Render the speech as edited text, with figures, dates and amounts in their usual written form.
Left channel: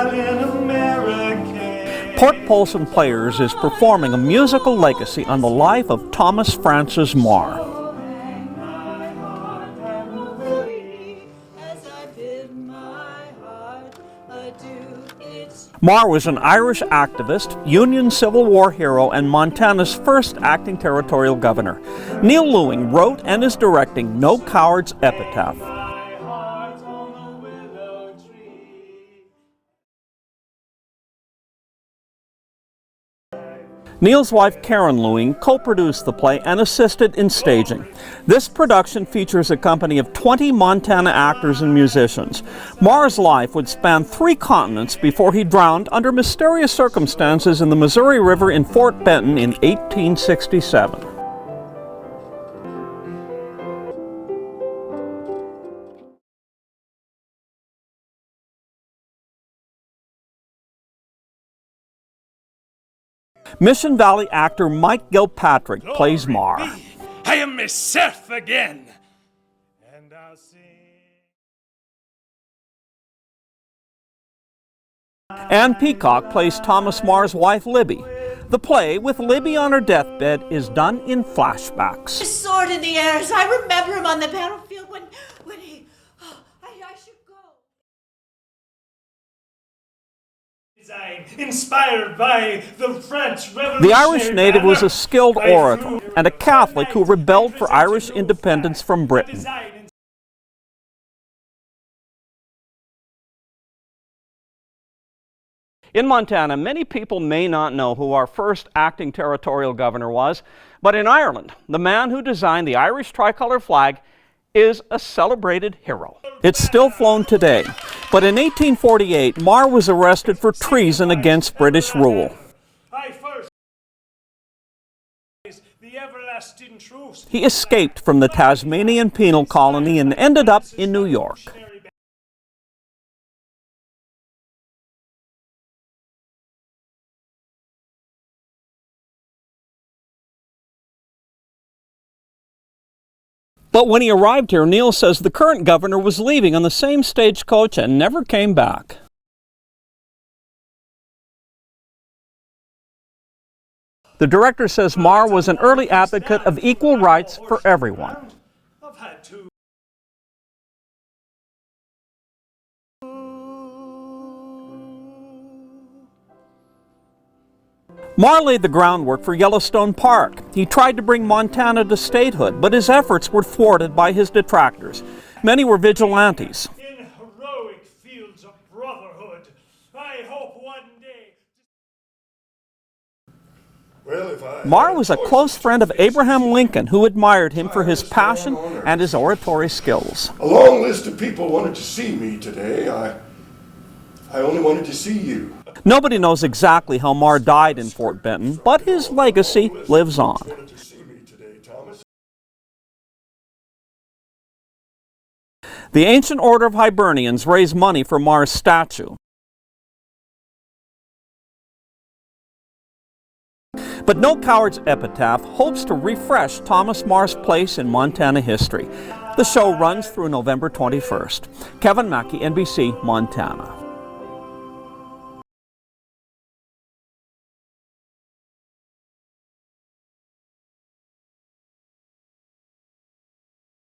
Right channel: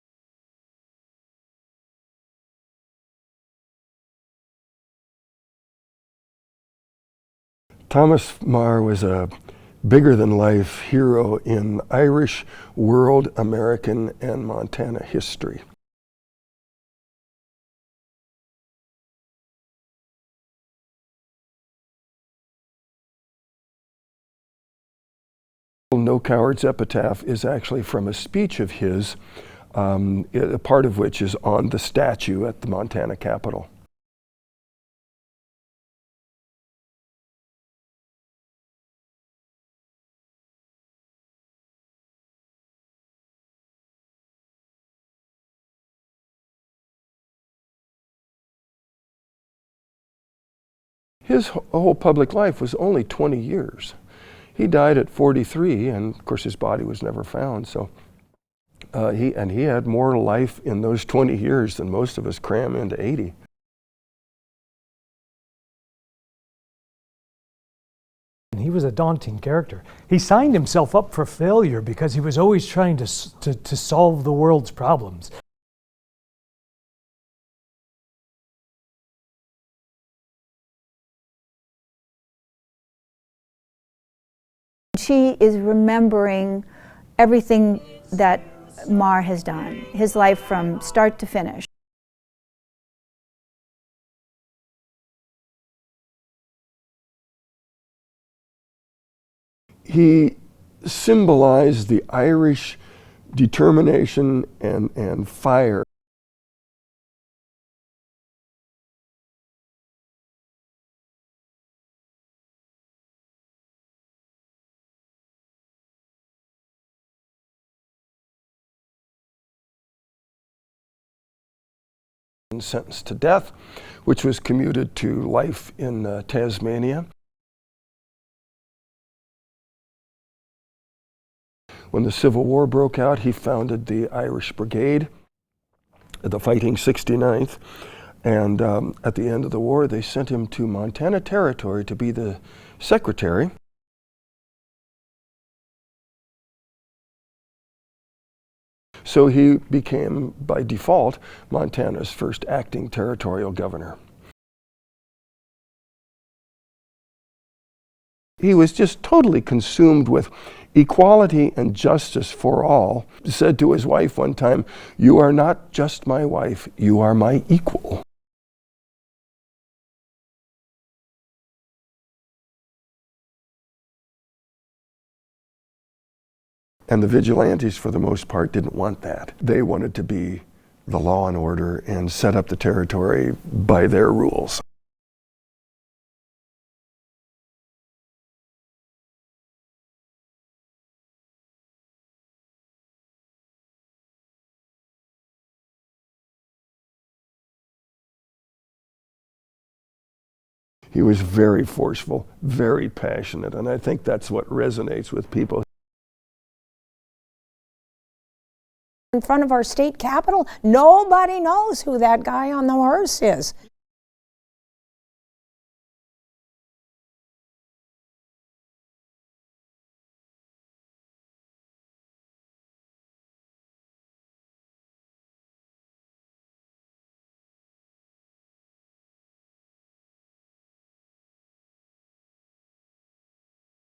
Italian American. Port Polson Players is performing a musical legacy on the life of Thomas Francis Meagher. Thomas Meagher was a bigger-than-life hero in Irish, world, American, and Montana history. Meagher was an Irish activist, Union Civil War hero, and Montana's first acting territorial governor. Neil Lewing wrote and is directing No Coward's Epitaph. No Coward's Epitaph is actually from a speech of his, a part of which is on the statue at the Montana Capitol. Neil's wife Karen Lewing co-produced the play and assisted in staging. This production features a company of 20 Montana actors and musicians. Meagher's life would span 3 continents before he drowned under mysterious circumstances in the Missouri River in Fort Benton in 1867. His whole public life was only 20 years. He died at 43, and of course his body was never found, so he had more life in those 20 years than most of us cram into 80. Mission Valley actor Mike Gilpatrick plays Meagher. I am myself again. He was a daunting character. He signed himself up for failure because he was always trying to solve the world's problems. Ann Peacock plays Thomas Meagher's wife Libby. The play, with Libby on her deathbed, is done in flashbacks. His sword in the air as I remember him on the battlefield. She is remembering everything that Meagher has done, his life from start to finish. Inspired by the French Revolution. The Irish native was a skilled orator and a Catholic who rebelled for Irish independence from Britain. He symbolized the Irish determination and fire. In Montana, many people may not know who our first acting territorial governor was, but in Ireland, the man who designed the Irish tricolor flag is a celebrated hero. It's still flown today, but in 1848, Meagher was arrested for treason against British rule. And sentenced to death, which was commuted to life in Tasmania. He escaped from the Tasmanian penal colony and ended up in New York. When the Civil War broke out, he founded the Irish Brigade, the Fighting 69th, and at the end of the war, they sent him to Montana Territory to be the secretary. But when he arrived here, Neil says the current governor was leaving on the same stagecoach and never came back. So he became, by default, Montana's first acting territorial governor. The director says Meagher was an early advocate of equal rights for everyone. He was just totally consumed with equality and justice for all. He said to his wife one time, "You are not just my wife, you are my equal." Meagher laid the groundwork for Yellowstone Park. He tried to bring Montana to statehood, but his efforts were thwarted by his detractors. Many were vigilantes. And the vigilantes, for the most part, didn't want that. They wanted to be the law and order and set up the territory by their rules. Meagher was a close friend of Abraham Lincoln, who admired him for his passion and his oratory skills. A long list of people wanted to see me today. I only wanted to see you. Nobody knows exactly how Meagher died in Fort Benton, but his legacy lives on. He was very forceful, very passionate, and I think that's what resonates with people. The Ancient Order of Hibernians raised money for Meagher's statue. In front of our state capitol, nobody knows who that guy on the horse is. But No Coward's Epitaph hopes to refresh Thomas Meagher's place in Montana history. The show runs through November 21st. Kevin Mackey, NBC, Montana.